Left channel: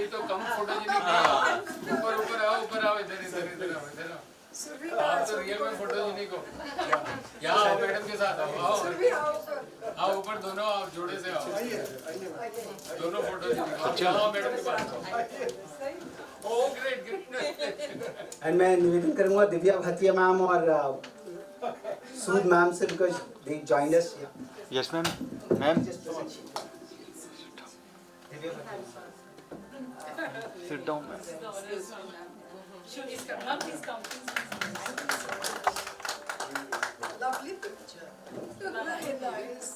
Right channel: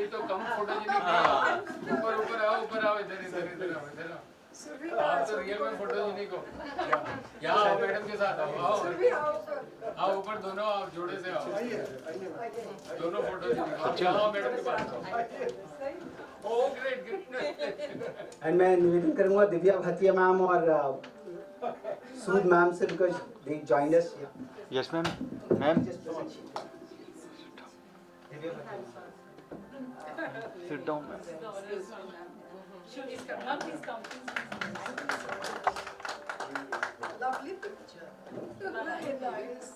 अभी तो कम फोटोजेनिक है। ऊपर आओ इधर आओ। आप तो रियल में फोटोजेनिक हो। यहाँ आओ मैडम के साथ आओ ऊपर दोनों आप जोड़े से आओ। दोनों फोटोजेनिक आओ मैडम के पास। Oh great. एंड मैं निवेदन करूंगा दिव्या भाटिया मैम और सूद मैम से because they joined us. Yes ma'am sit down ma'am. Please come. Lovely picture. Very nice.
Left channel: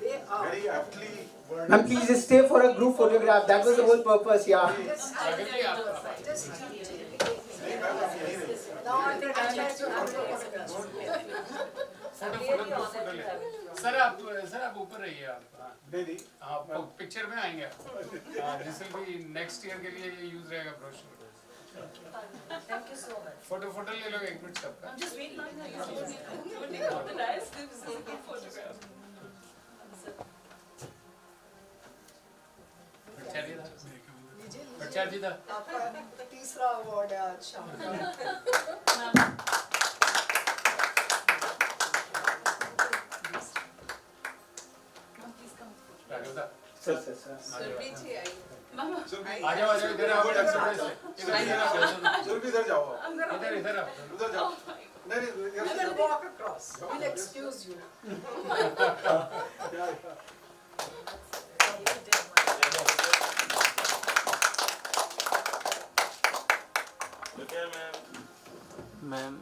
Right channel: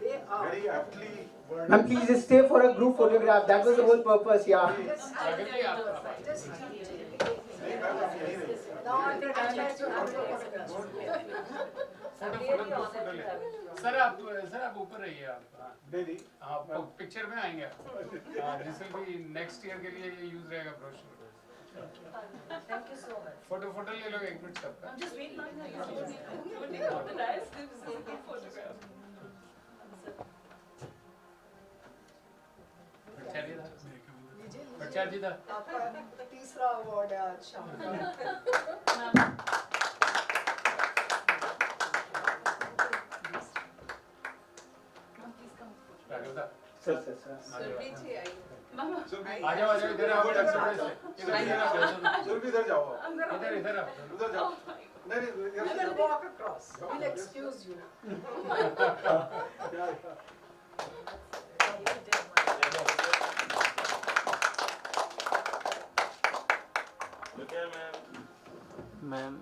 They are. Very aptly worded. Ma'am, please stay for a group photograph. That was the whole purpose. Yeah. Now I think I like to have a sir आप ऊपर रहिए आप। नहीं हाँ picture में आएंगे आप। This will be next year के लिए ये यूज रहेगा brochure. Thank you so much. Photo ले लो 1 मिनट सबका। I'm just waiting on you. Nice. This is a good photograph. जी था। आपका तीसरा अवार्ड है आज शाम का। सर आ जाओ इधर आओ इधर जाओ इधर आओ उधर जाओ I will walk across. We'll excuse you. Ma'am.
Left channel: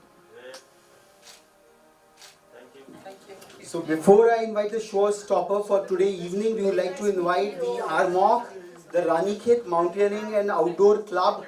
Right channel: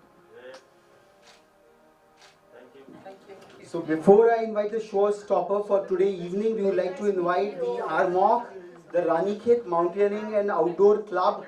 So before I invite the showstopper for today evening, we would like to invite the RMOC, the Ranikhet Mountaineering and Outdoor Club,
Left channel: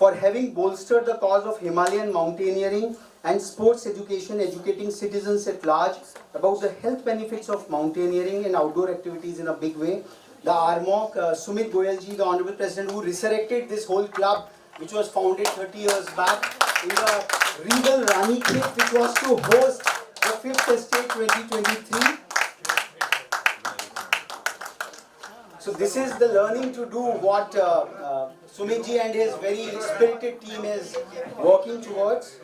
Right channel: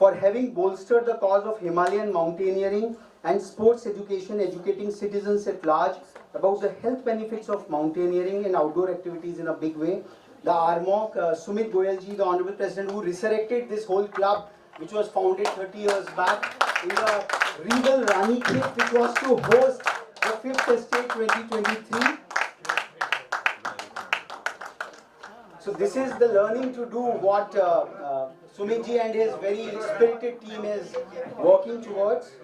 for having bolstered the cause of Himalayan mountaineering and sports education, educating citizens at large about the health benefits of mountaineering and outdoor activities in a big way. The RMOC, Sumit Goyalji, the Honorable President, who resurrected this whole club, which was founded 30 years back in the regal Ranikhet, which was to host the 5th Estate 2023. So this is the learning to do what Sumitji and his very spirited team is working towards.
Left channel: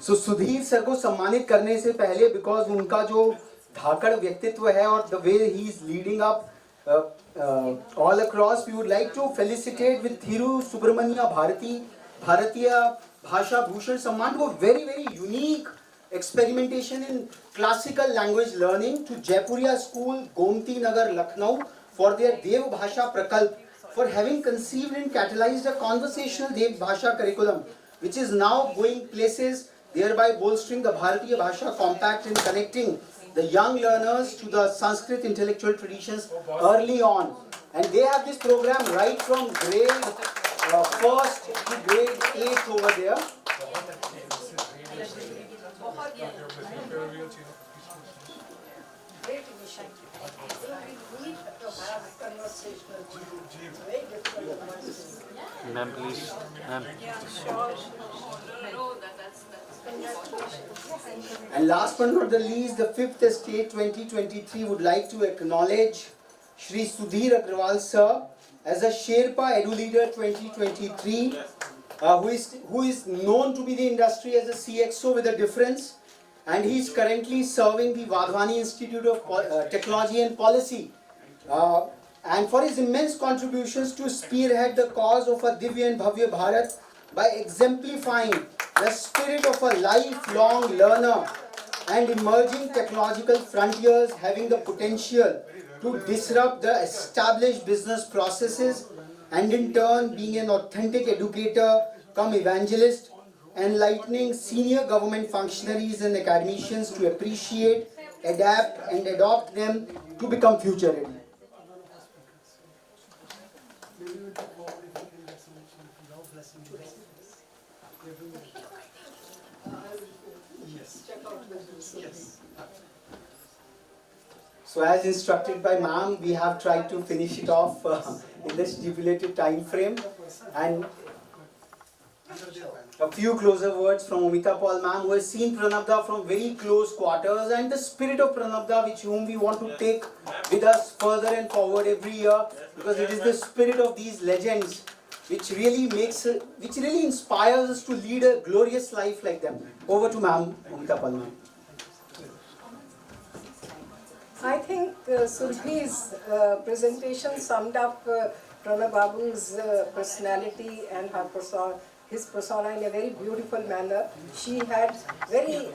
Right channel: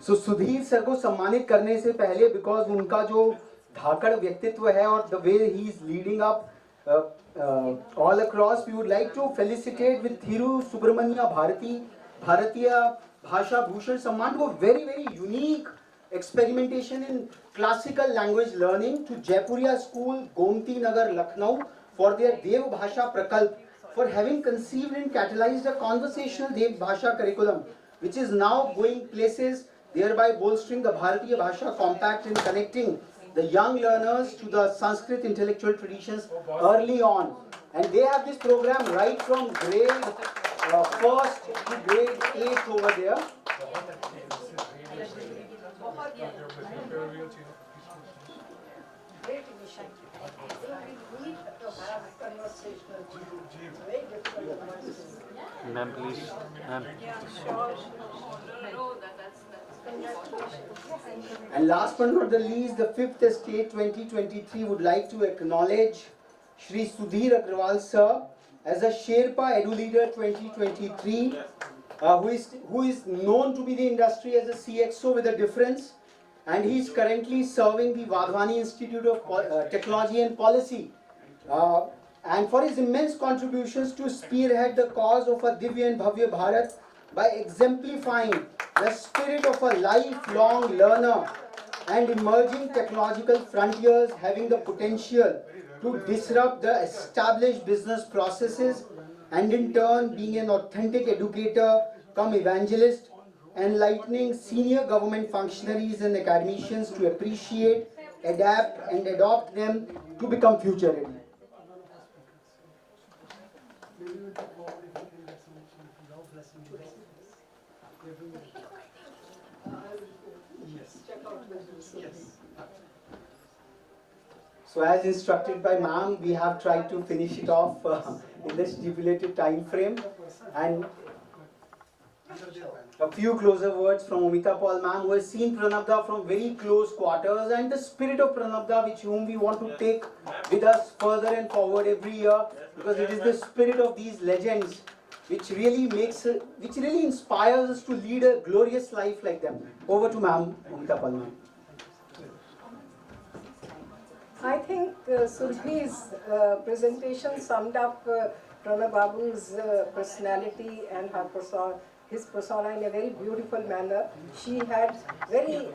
So Sudhir sir को सम्मानित करने से पहले because उनका जो धाकड़ व्यक्तित्व है और the way he is leading up all across, we would like to felicitate with Thiru Subramanya Bharatiya Bhasha Bhushan Samman को very very unique experimentation in classical language learning to Jaipuria school, Gomti, Nagar, Lucknow for their Dev Bhasha Prakalp, for having conceived and catalyzed a conversational Dev Bhasha curriculum which is now going places, thereby bolstering the Bharatiya Bhasha compact and connecting the young learners to the Sanskrit intellectual traditions early on. And they have this program right from grade 1st to grade 8 over there. Great initiative. We need to have conversational. Very difficult. Ma'am, please. Ma'am. And last but not the least, the 5th Estate 2023 would like to acknowledge Shri Sudhir Agarwal sir as a Sherpa Edu Leader 2023, who is known to be the industry as a CXO with a difference, and he is currently serving the Vadhwani Institute of Technology and Policy, and for his immense contributions to spearhead the cause of a Divya and Bhavya Bharat by exemplifying the spirit of a lifelong learner and emerging technological frontiers having the potential to disrupt the established business processes, and in turn being an authentic educator come evangelist, enlightening senior government functionaries and academicians to appreciate, adapt and adopt them to become future ready. So as instructed by ma'am, we have tried to finish it off in the stipulated time frame. And a few closer words from Amita Paul ma'am, who has seen Pranabda from very close quarters, and the spirit of Pranabda, which whom we want to take with us further and forward every year, because it is the spirit of these legends which really inspires us to lead a glorious life like them. Over to ma'am, Amita Paul ma'am. I think Sudhir's presentation summed up Pranab Babu's personality and his persona in a very beautiful manner. She had very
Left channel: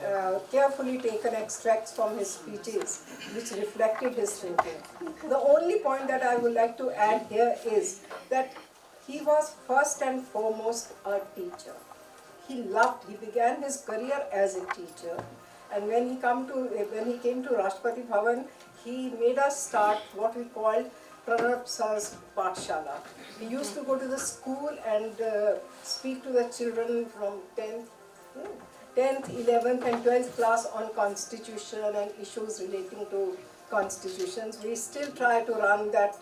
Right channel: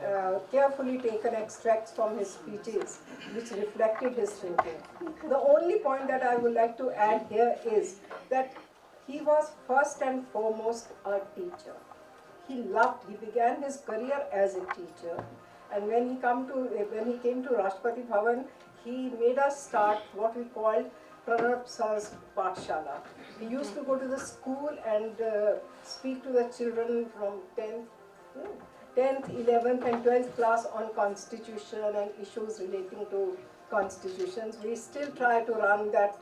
carefully taken extracts from his speeches which reflected his thinking. The only point that I would like to add here is that he was first and foremost a teacher. He began his career as a teacher, and when he came to Rashtrapati Bhavan, he made us start what we called Pranab Sah's Pathshala. He used to go to the school and speak to the children from 10th, 11th and 12th class on constitution and issues relating to constitutions. We still try to run that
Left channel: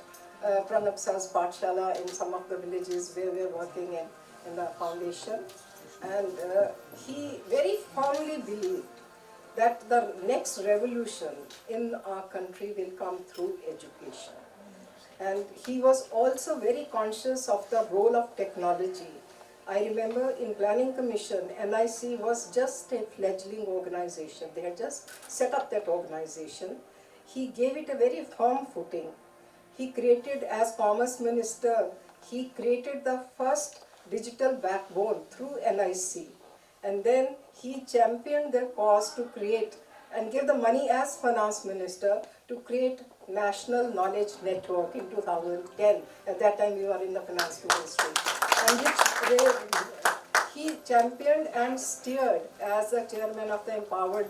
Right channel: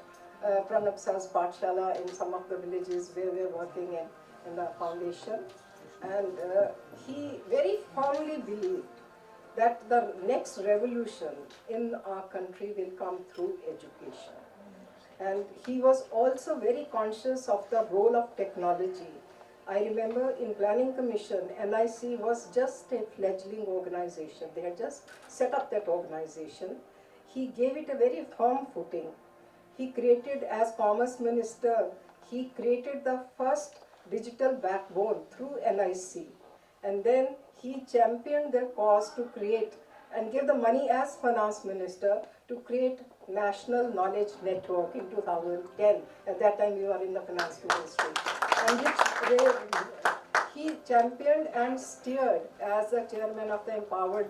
Pranab Sah's Pathshala in some of the villages where we are working in the foundation. And he very firmly believed that the next revolution in our country will come through education. And he was also very conscious of the role of technology. I remember in Planning Commission, NIC was just a fledgling organization. They had just set up that organization. He gave it a very firm footing. He created, as Commerce Minister, he created the first digital backbone through NIC. And then he championed their cause to create and give the money as Finance Minister to create National Knowledge Network in 2010. At that time we were in the Finance Ministry. And which he championed and steered as the chairman of the empowered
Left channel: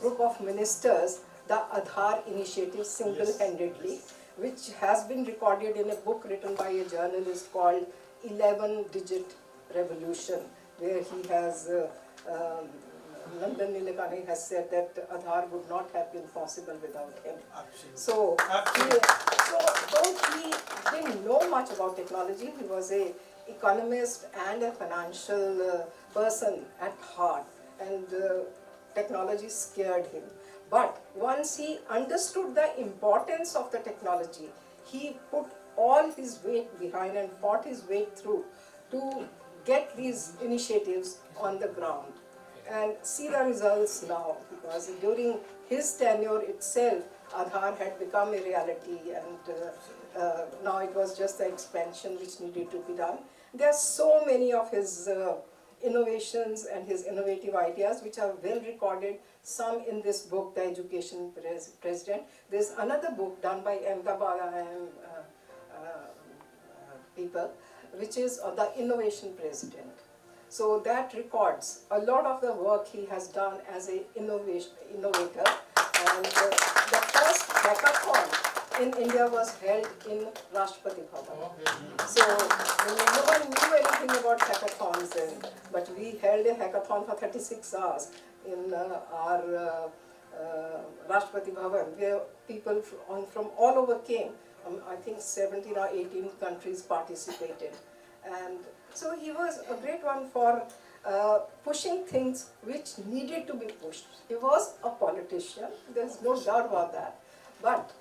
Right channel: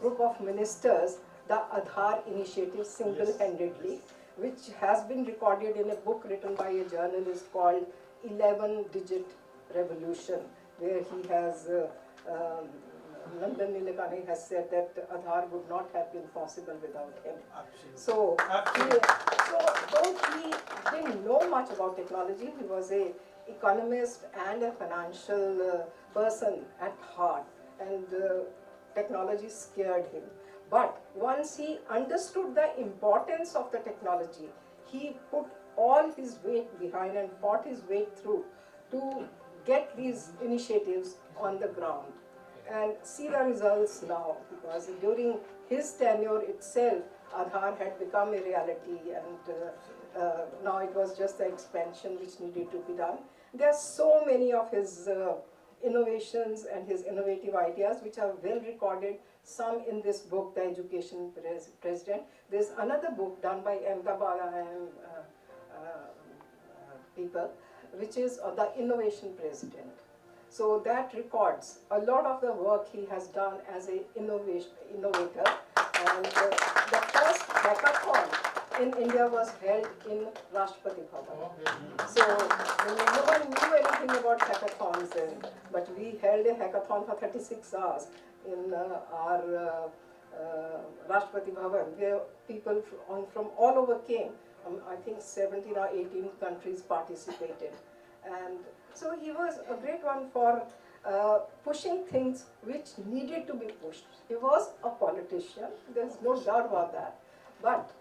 group of ministers, the Aadhaar initiative single-handedly, which has been recorded in a book written by a journalist called 11-Digit Revolution, where he has, London Nilekani has said that Aadhaar would not have been possible without him. So, though he didn't know much about technology, he was an economist and a financial person at heart, and technology scared him. But once he understood the importance of the technology, he put all his weight behind and fought his way through to get these initiatives on the ground. And see the results now, because during his tenure itself, Aadhaar had become a reality, and now it was just the expansion which needed to be done. There are so many of his innovations and his innovative ideas which are well recorded, some in this book, The Education President. There's another book done by Ahmedabad people, which is The Innovation President. So that records a lot of the work he has done as an innovator. And the first hackathon in India was held in Rashtrapati Bhavan. So no one knew anything about hackathons then, but we held a hackathon for 36 hours in our Rashtrapati Bhavan, where people from all over came. I think 17 or 18 countries participated. And so he was a great one for pushing things which needed to be pushed. He was a politician, there's no doubt about that. But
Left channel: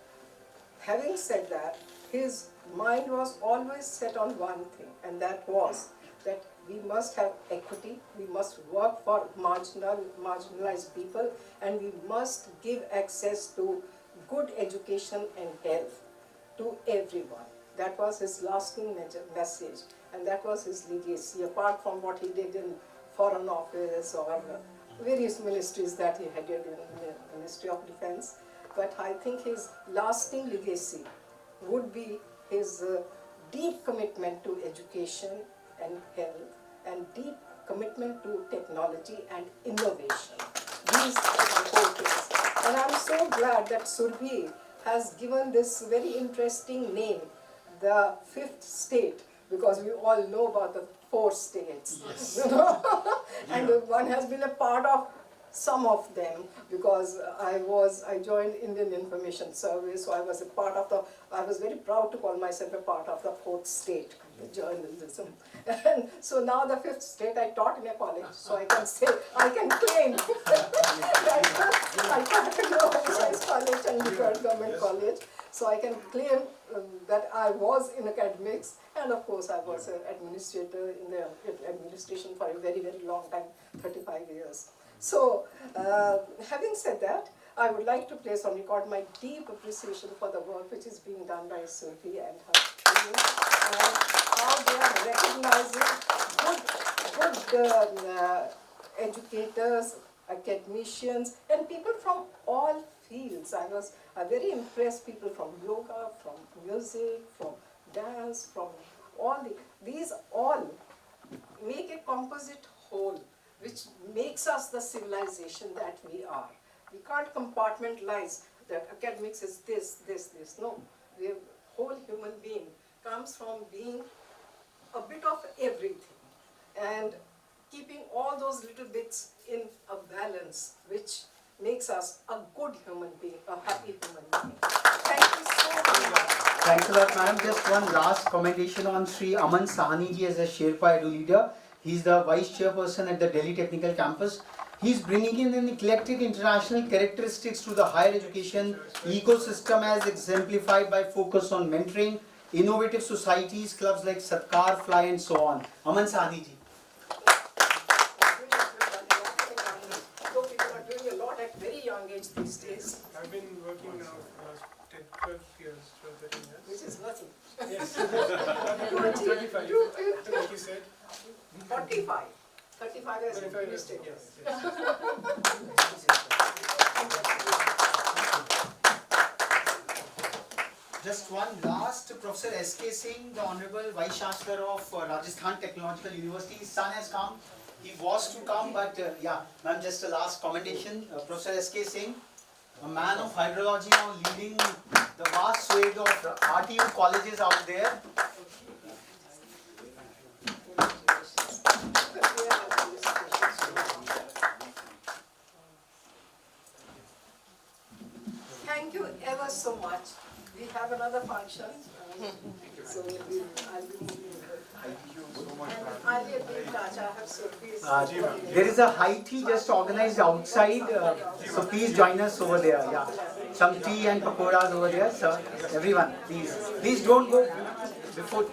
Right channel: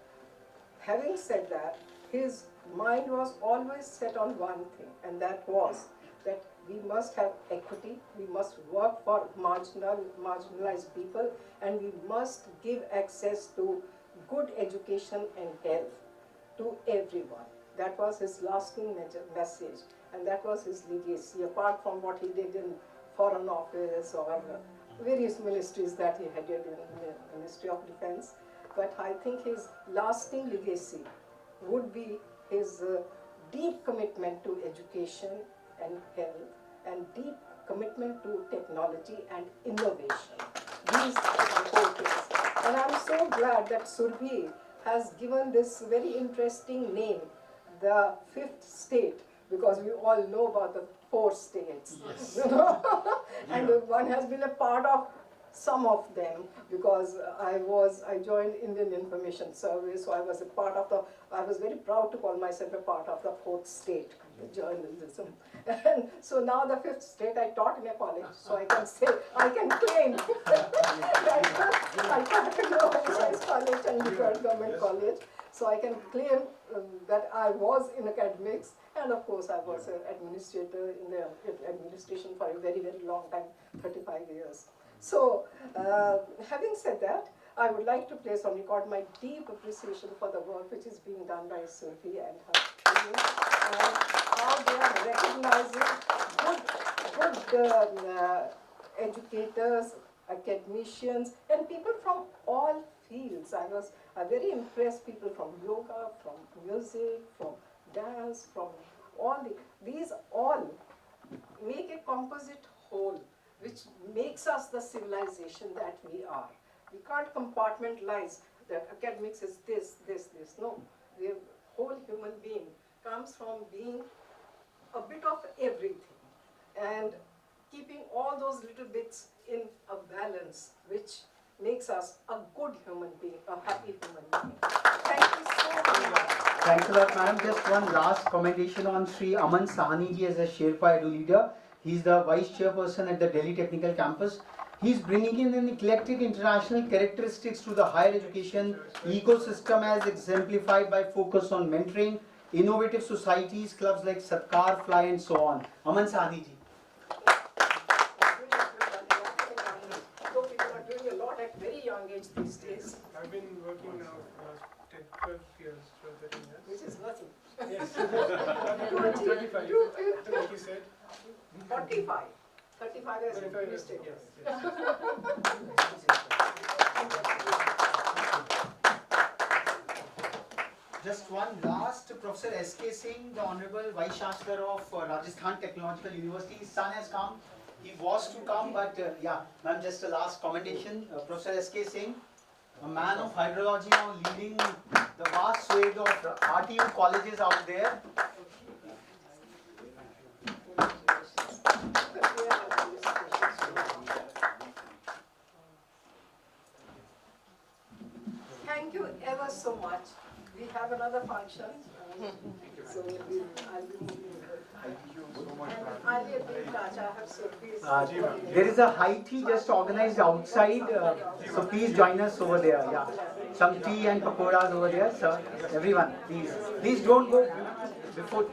having said that, his mind was always set on one thing, and that was that we must have equity, we must work for marginalized people, and we must give access to good education and health to everyone. That was his lasting message, and that was his legacy, apart from what he did in Foreign Office or various ministries that he headed in the Ministry of Defense. But I think his lasting legacy would be his deep commitment to education and health, and deep commitment to technology and innovation. These are the four things. And I'm so glad that Sudhir has given this very interesting name, the fifth state, because we all know about the 4 states. Yes. You know? And one has been a part of some of them, because I joined Indian Information Service, so I was very proud to call myself a part of the fourth state, the journalism. And so now the fifth state I taught in a college, so I can claim that I taught in a Vice College and Nagar Government College, so I can claim that I was in academics, and of course I was an administrator in the administration for a very, very long time, 35 years. So, having said that, I would like to place on record my deep appreciation for the work which is being done by Sophie and her team, and how they are recognizing good educators, academicians, and people from all fields. I was very impressed, people from yoga, from music, from dance, from these all make a composite whole, which makes us the civilization that we are. We can't compartmentalize that academics is this. No, the whole human being comes from being a bit of everything and keeping all those little bits in a balance, which makes us a good human being, a happy human being. Thank you so much. Thanks a lot, madam. Just one last commendation on Sri Aman Sahni ji as a Sherpa Edu leader. He's the Vice Chairperson at the Delhi Technical Campus. He's bringing in an eclectic international characteristics to the higher education ecosystem as exemplified by focus on mentoring, innovative societies, clubs like Satkar, Fly and so on. Aman Sahni ji. Though people are doing a lot at very young age these days, I've been working now for 10, 12 years, 12, 13 years. which is nothing. Yes. 25. like you said. 45. 35 as a 25 years. mistake. Yes. Just one last, Professor S.K. Singh, the Honorable Vice Chancellor of Rajasthan Technological University. His son has come. He was to come, but yeah, ma'am, just a last commendation. Professor S.K. Singh, a man of hydrology, now leading the vast swathe of RTU colleges out there. Thank you ever so much. We have another function. So I'll be moving. And I'll be a big touch. I have Sophie's. There is a high tea just organized outside, so please join us over there. Yeah, some tea and pakoras over there, sir. Everyone, please don't go before.